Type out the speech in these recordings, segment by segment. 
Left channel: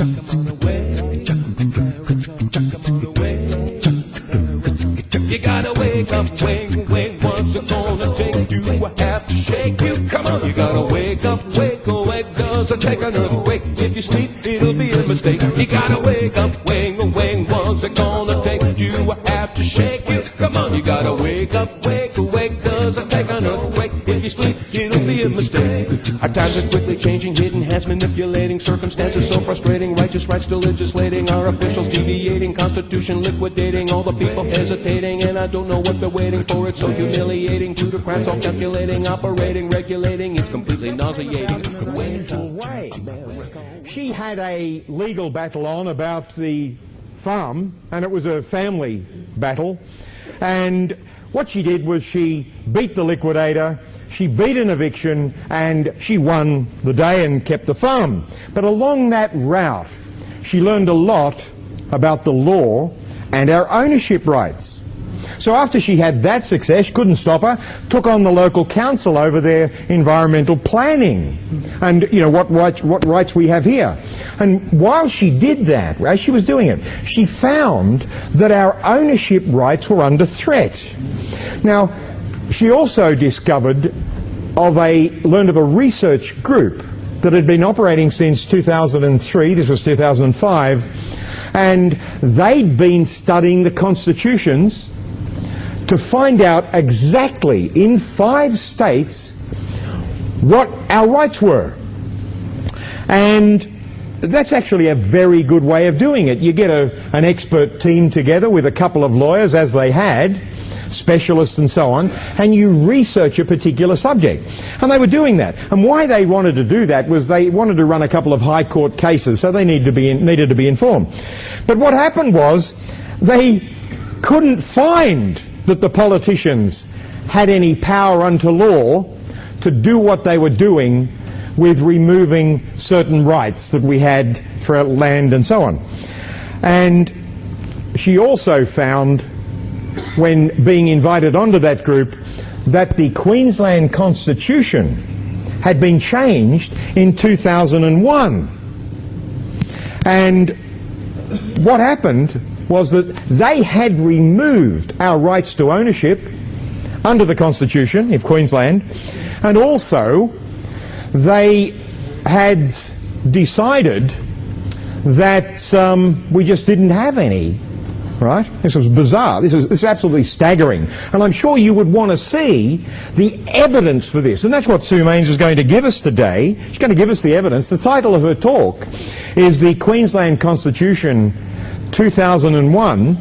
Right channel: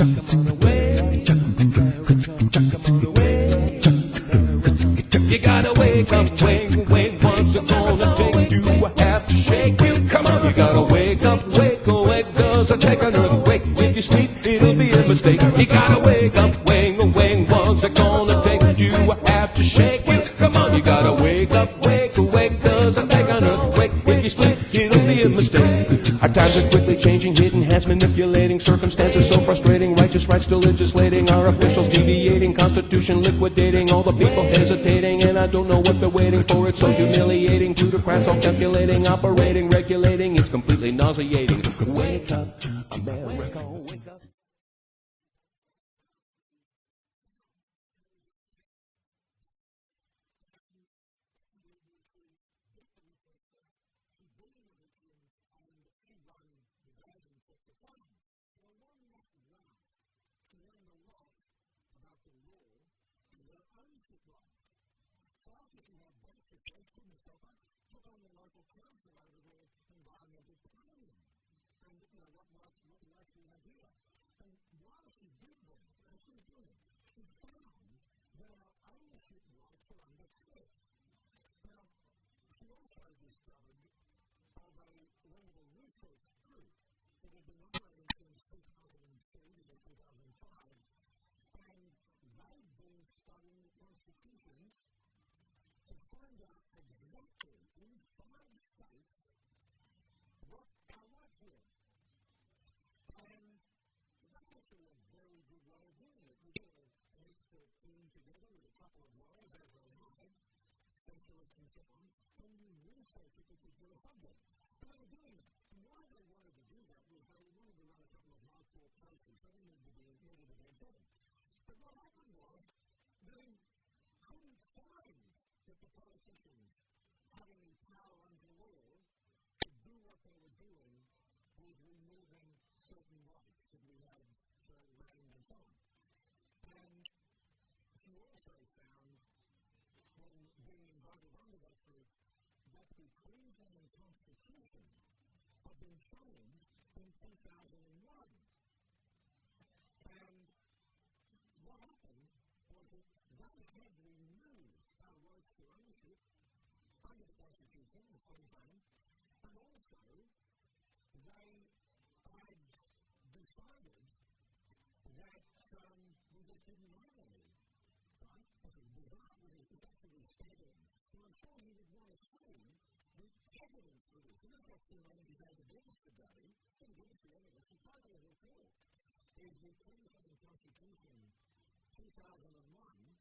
You gotta wake up, wake, wake. What's it gonna take you? I have to shake you. Come on, you gotta wake up, wake, wake. Doesn't take an earthquake. If you sleep, it'll be a mistake. You gotta wake up, wake, wake. What's it gonna take you? I have to shake you. Come on, you gotta wake up, wake, wake. Doesn't take an earthquake. If you sleep, it'll be a mistake. Our times are quickly changing, hidden hands manipulating, circumstances so frustrating, righteous rights still legislating, our officials deviating, constitution liquidating, all the people hesitating, and I don't know what they're waiting for. It's so humiliating, plutocrats all calculating, operating, regulating, it's completely nauseating. Wake up, America. She had a legal battle on about the farm, and it was a family battle, and what she did was she beat the liquidator, she beat an eviction, and she won the day and kept the farm. But along that route, she learned a lot about the law and our ownership rights. So after she had that success, couldn't stop her, took on the local council over their environmental planning and, you know, what rights we have here. And while she did that, as she was doing it, she found that our ownership rights were under threat. Now, she also learned of a research group that had been operating since 2003, this was 2005, and they'd been studying the constitutions to find out exactly in 5 states what our rights were. And that's actually a very good way of doing it. You get an expert team together with a couple of lawyers, as they had, specialists and so on, and you research a particular subject. And they were doing that. And why they wanted to do that was they wanted to run a couple of high court cases, so they needed to be informed. But what happened was they couldn't find that the politicians had any power unto law to do what they were doing with removing certain rights that we had for land and so on. And she also found, when being invited onto that group, that the Queensland Constitution had been changed in 2001. And what happened was that they had removed our rights to ownership under the Constitution of Queensland, and also they had decided that we just didn't have any. Right? This was bizarre. This is absolutely staggering. And I'm sure you would want to see the evidence for this. And that's what Sue Mains is going to give us today. She's going to give us the evidence. The title of her talk is The Queensland Constitution 2001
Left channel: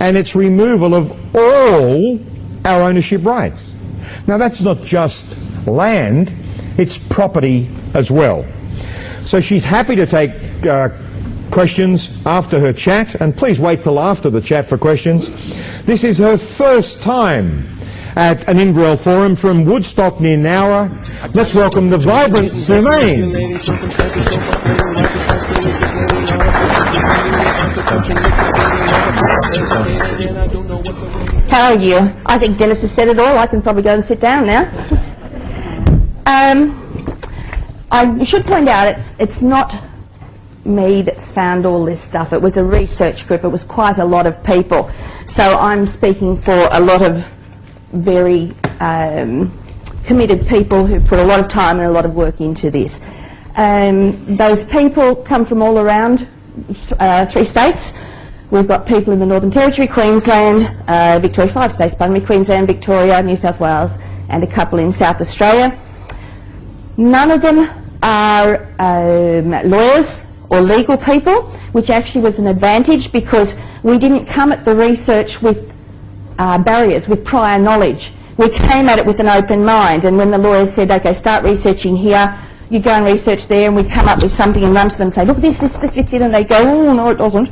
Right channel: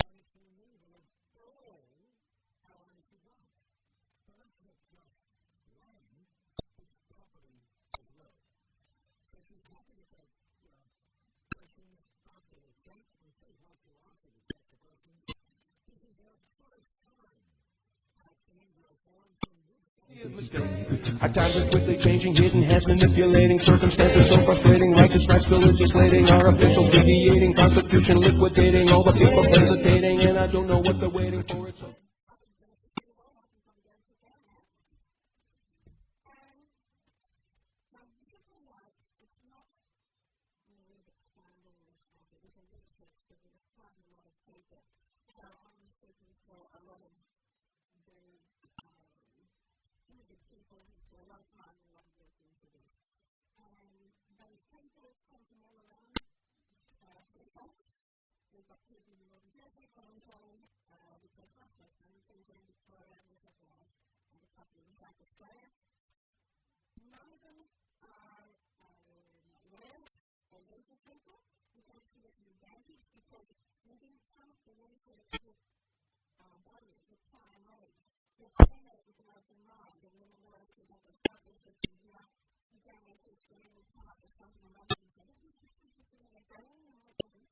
and its removal of all our ownership rights. Now that's not just land, it's property as well. So she's happy to take questions after her chat, and please wait till after the chat for questions. This is her first time at an Inverell Forum from Woodstock near Nowra. Let's welcome the vibrant Sue Mains. How are you? I think Dennis has said it all. I can probably go and sit down now. I should point out it's not me that's found all this stuff. It was a research group. It was quite a lot of people. So I'm speaking for a lot of very committed people who put a lot of time and a lot of work into this. Those people come from all around 3 states. We've got people in the Northern Territory, Queensland, Victoria, 5 states, pardon me, Queensland, Victoria, New South Wales, and a couple in South Australia. None of them are lawyers or legal people, which actually was an advantage because we didn't come at the research with barriers, with prior knowledge. We came at it with an open mind, and when the lawyers said, okay, start researching here, you go and research there, and we'd come up with something and run to them and say, look, this fits in, and they go, oh, no, it doesn't.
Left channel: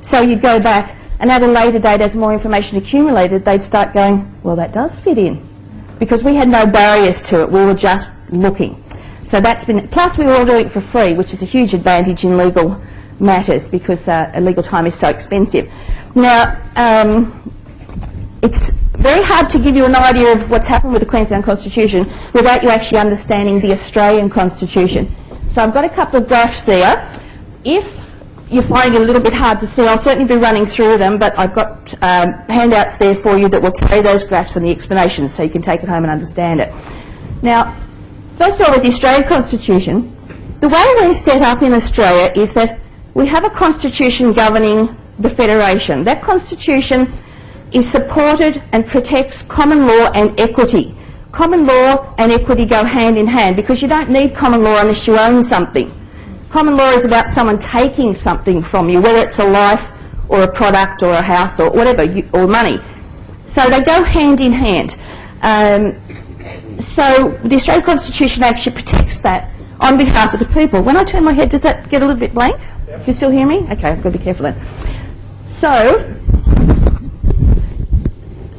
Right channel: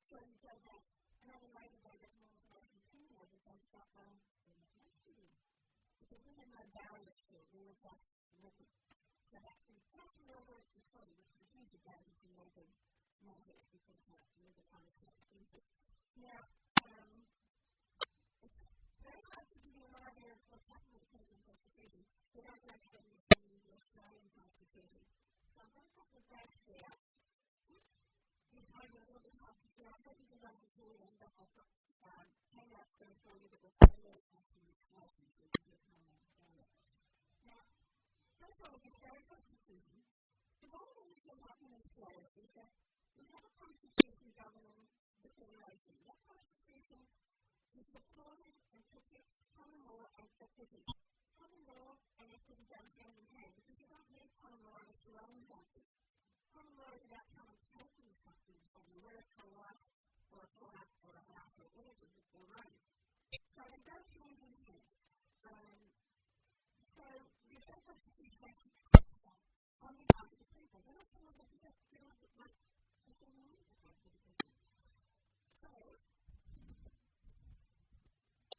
So you'd go back, and at a later date, as more information accumulated, they'd start going, well, that does fit in. Because we had no barriers to it, we were just looking. So that's been, plus we were all doing it for free, which is a huge advantage in legal matters because legal time is so expensive. Now, it's very hard to give you an idea of what's happened with the Queensland Constitution without you actually understanding the Australian Constitution. So I've got a couple of graphs there. If you're finding it a little bit hard to see, I'll certainly be running through them, but I've got handouts there for you that will carry those graphs and the explanations so you can take it home and understand it. Now, first of all, with the Australian Constitution, the way we're set up in Australia is that we have a constitution governing the Federation. That constitution is supported and protects common law and equity. Common law and equity go hand in hand because you don't need common law unless you own something. Common law is about someone taking something from you, whether it's a life or a product or a house or whatever, or money. So they go hand in hand. So the Australian Constitution actually protects that on behalf of the people. When I turn my head, does that get a little bit blank? Yep. You still hear me? Okay, I've got to be careful then.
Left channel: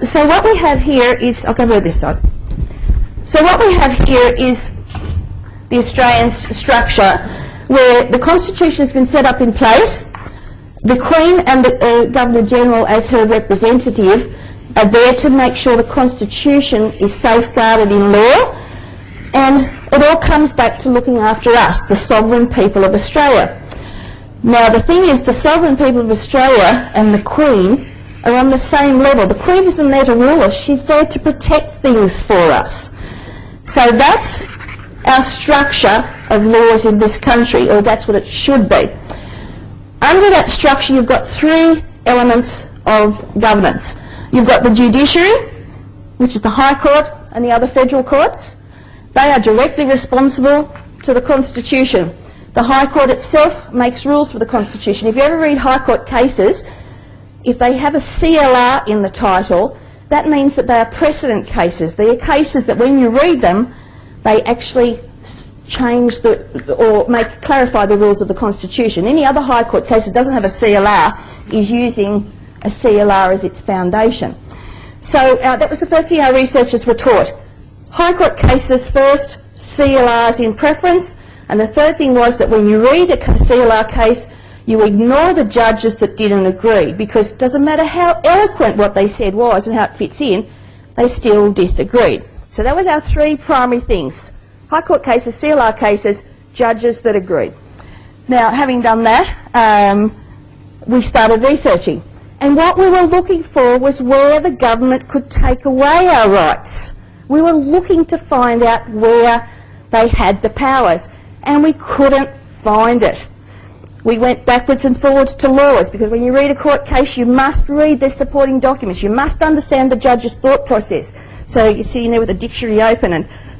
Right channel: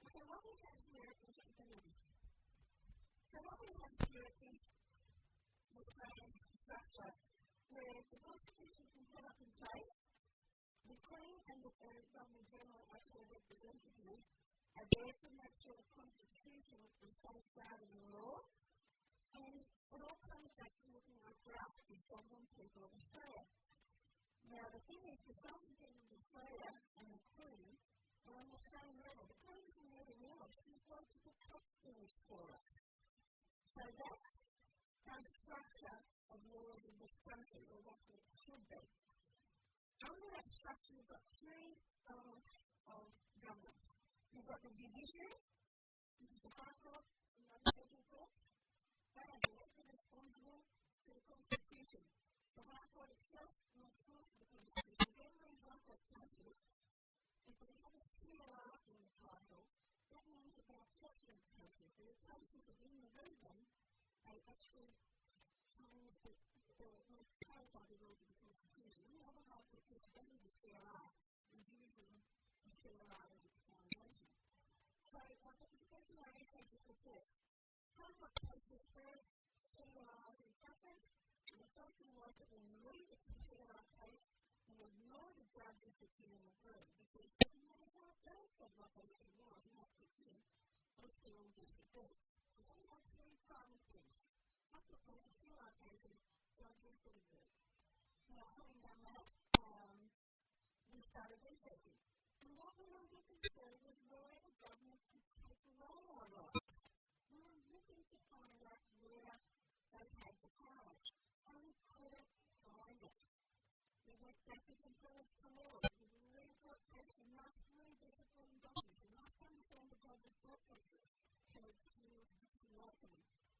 So what we have here is, I'll go over this side. So what we have here is the Australian structure where the Constitution has been set up in place. The Queen and the Governor-General as her representative are there to make sure the Constitution is safeguarded in law, and it all comes back to looking after us, the sovereign people of Australia. Now the thing is, the sovereign people of Australia and the Queen are on the same level. The Queen isn't there to rule us, she's there to protect things for us. So that's our structure of laws in this country, or that's what it should be. Under that structure you've got three elements of governance. You've got the judiciary, which is the High Court and the other federal courts. They are directly responsible to the Constitution. The High Court itself makes rules for the Constitution. If you ever read High Court cases, if they have a CLR in the title, that means that they are precedent cases. They are cases that when you read them, they actually change or clarify the rules of the Constitution. Any other High Court case that doesn't have a CLR is using a CLR as its foundation. So that was the first thing our researchers were taught. High Court cases first, CLRs in preference, and the third thing was that when you read a CLR case, you ignore the judges that didn't agree, because it doesn't matter how eloquent what they said was and how it fits in, they still disagreed. So that was our three primary things. High Court cases, CLR cases, judges that agreed. Now, having done that, we started researching. And what we were looking for was where the government could take away our rights. We were looking to find out where they had the powers, and we couldn't find it. We went backwards and forwards to laws, because when you read a court case, you must read their supporting documents. You must understand the judge's thought process. So you're sitting there with a dictionary open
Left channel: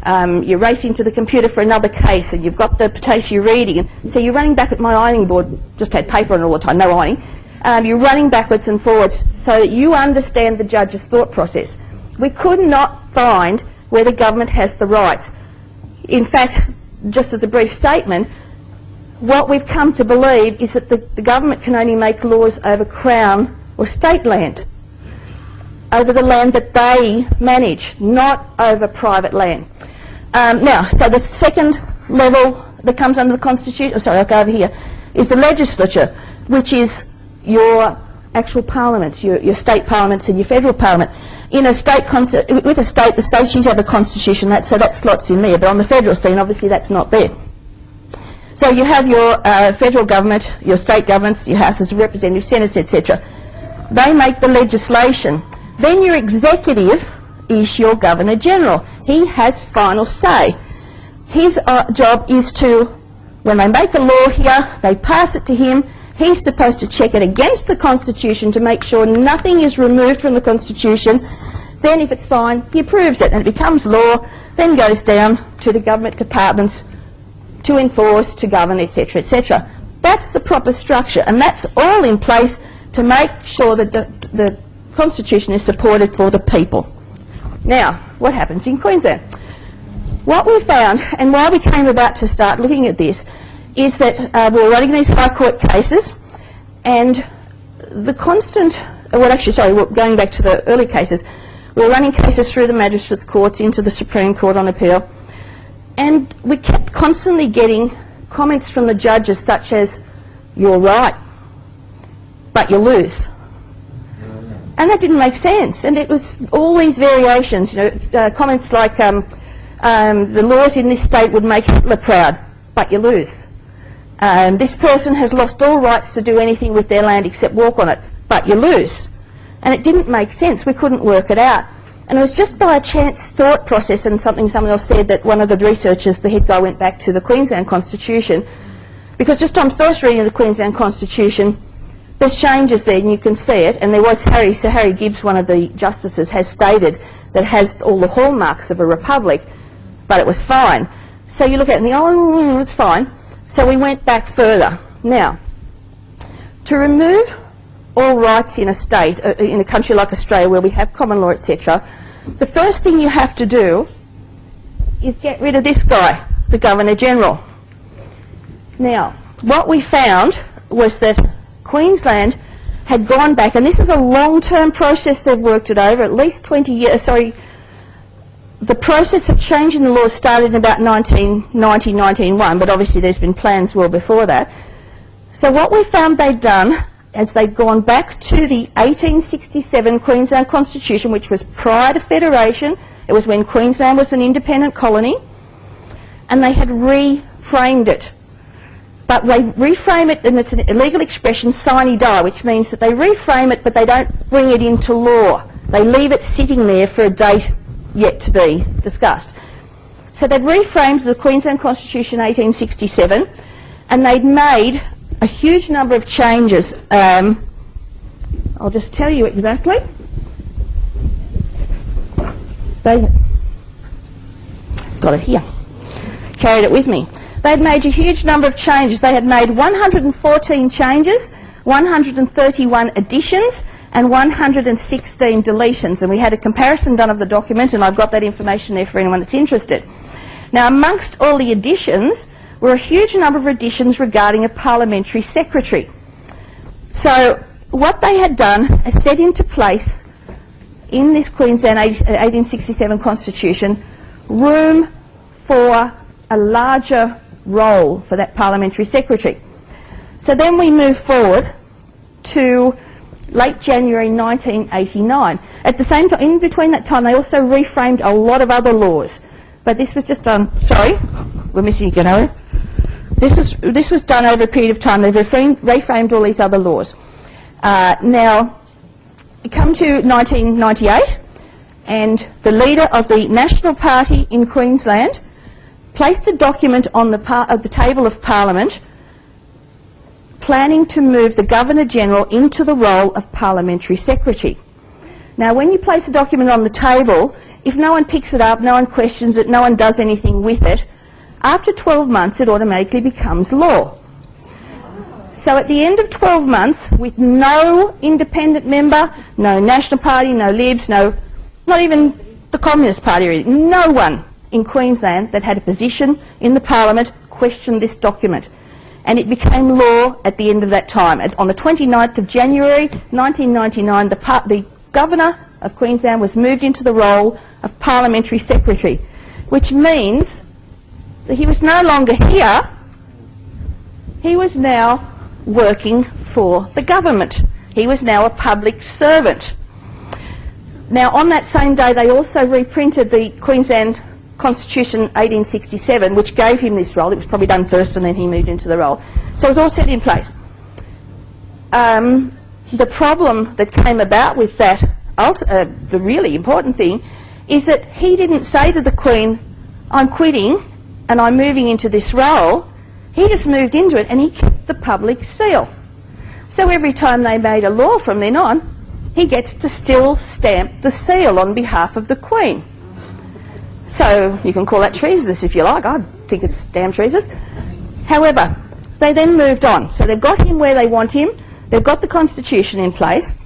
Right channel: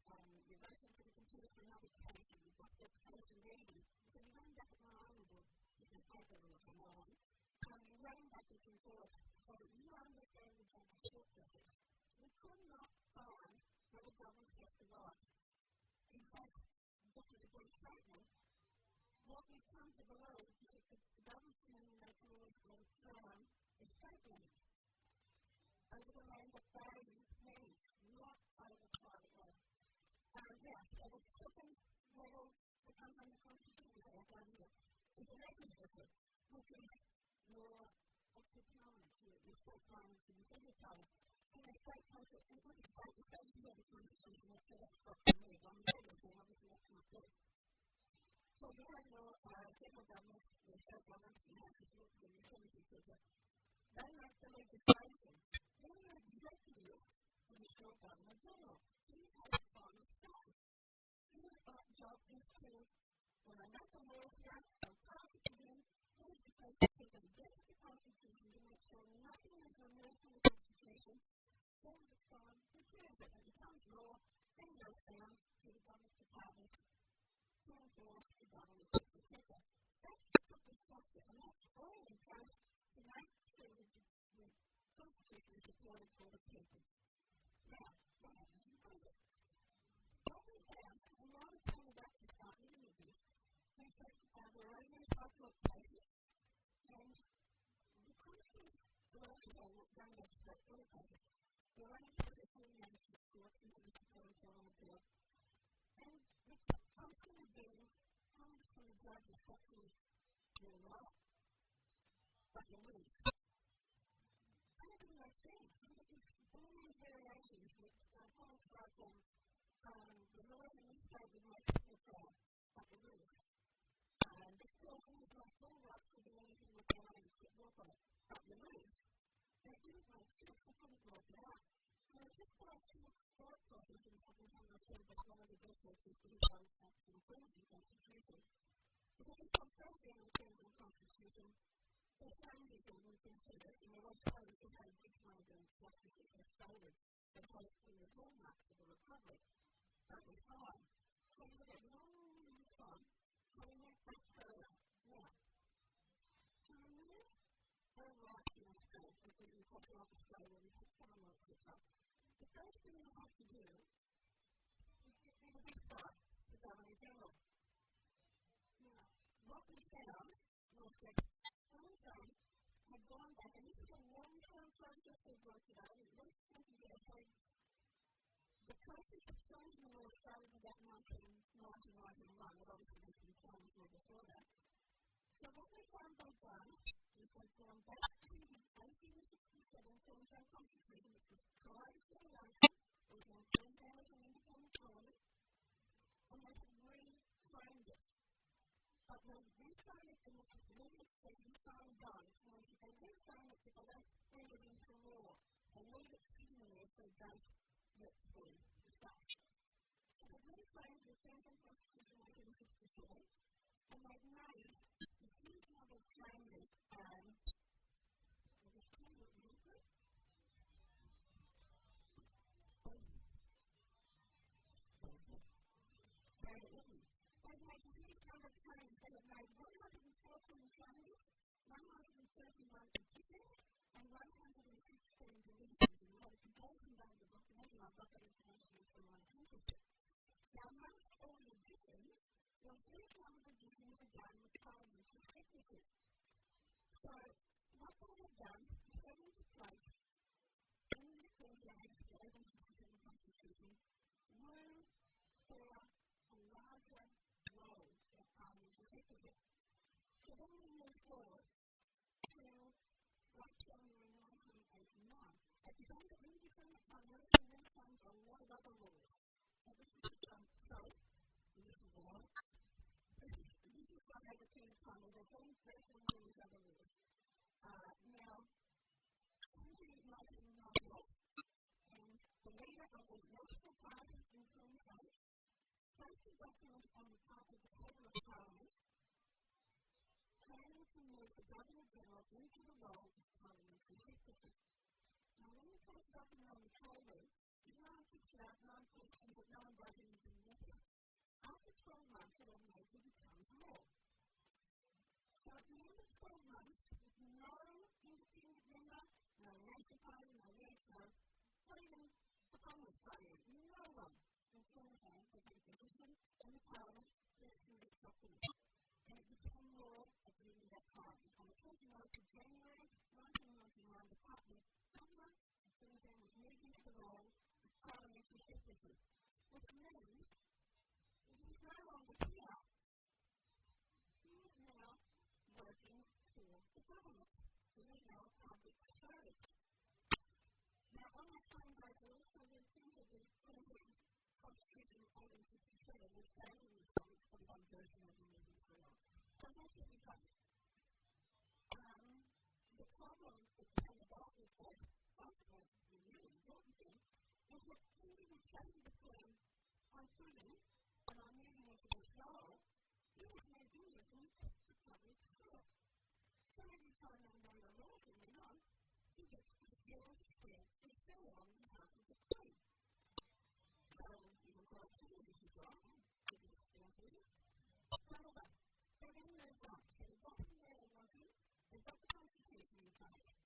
and you're racing to the computer for another case, and you've got the case you're reading. And so you're running back at my ironing board, just had paper on it all the time, no ironing. You're running backwards and forwards so that you understand the judge's thought process. We could not find where the government has the rights. In fact, just as a brief statement, what we've come to believe is that the government can only make laws over Crown or state land, over the land that they manage, not over private land. Now, so the second level that comes under the Constitution, I'll go over here, is the legislature, which is your actual parliaments, your state parliaments and your federal parliament. In a state, with a state, the states usually have a constitution, so that slots in there, but on the federal scene, obviously that's not there. So you have your federal government, your state governments, your houses of representatives, senates, etc. They make the legislation. Then your executive is your Governor-General. He has final say. His job is to, when they make a law here, they pass it to him. He's supposed to check it against the Constitution to make sure nothing is removed from the Constitution. Then if it's fine, he approves it and it becomes law, then goes down to the government departments to enforce, to govern, etc., etc. That's the proper structure, and that's all in place to make sure that the Constitution is supported for the people. Now, what happens in Queensland? What we found, and why we came about to start looking at this, is that we were running these High Court cases, and the constant, going back to the early cases, we were running cases through the magistrates' courts into the Supreme Court on appeal, and we kept constantly getting comments from the judges such as, "You're right, but you lose." And that didn't make sense, and it was all these variations, comments like, "The laws in this state would make Hitler proud, but you lose." this person has lost all rights to do anything with their land except walk on it, but you lose. And it didn't make sense. We couldn't work it out. And it was just by a chance thought process and something someone else said that one of the researchers, the head guy, went back to the Queensland Constitution, because just on first reading of the Queensland Constitution, there's changes there and you can see it, and there was Sir Harry Gibbs, one of the justices, has stated that it has all the hallmarks of a republic, but it was fine. So you look at it and think, oh, it's fine. So we went back further. Now, to remove all rights in a state, in a country like Australia where we have common law, etc., the first thing you have to do is get rid of this guy, the Governor-General. Now, what we found was that Queensland had gone back, and this is a long-term process, they've worked it over, at least 20 years, the process of changing the laws started in about 1990, 1991, but obviously there's been plans well before that. So what we found they'd done is they'd gone back to the 1867 Queensland Constitution, which was prior to Federation. It was when Queensland was an independent colony, and they had reframed it. But they reframe it, and it's a legal expression, sine die, which means that they reframe it, but they don't bring it into law. They leave it sitting there for a date yet to be discussed. So they'd reframed the Queensland Constitution 1867, and they'd made a huge number of changes. I'll just tell you exactly. They got it here. Carried it with me. They'd made a huge number of changes. They had made 114 changes, 131 additions, and 116 deletions. And we had a comparison done of the document, and I've got that information there for anyone that's interested. Now, amongst all the additions were a huge number of additions regarding a parliamentary secretary. So what they had done is set into place in this Queensland 1867 Constitution room for a larger role for that parliamentary secretary. So then we move forward to late January 1989. At the same time, in between that time, they also reframed a lot of other laws. But this was just done, sorry, we're missing a area. This was done over a period of time. They reframed all these other laws. Now, you come to 1998, and the leader of the National Party in Queensland placed a document on the table of Parliament planning to move the Governor-General into the role of Parliamentary Secretary. Now, when you place a document on the table, if no one picks it up, no one questions it, no one does anything with it, after 12 months it automatically becomes law. So at the end of 12 months, with no independent member, no National Party, no Libs, not even the Communist Party, or anything, no one in Queensland that had a position in the Parliament questioned this document. And it became law at the end of that time. On the 29th of January 1999, the Governor of Queensland was moved into the role of Parliamentary Secretary, which means that he was no longer here, he was now working for the government. He was now a public servant. Now, on that same day, they also reprinted the Queensland Constitution 1867, which gave him this role. It was probably done first and then he moved into the role. So it was all set in place. The problem that came about with that, the really important thing, is that he didn't say to the Queen, I'm quitting and I'm moving into this role. He just moved into it and he kept the public seal. So every time they made a law from then on, he gets to still stamp the seal on behalf of the Queen. So you can call that treasonous if you like. I think it's damn treasonous. However, they then moved on. So they've got him where they want him. They've got the Constitution in place.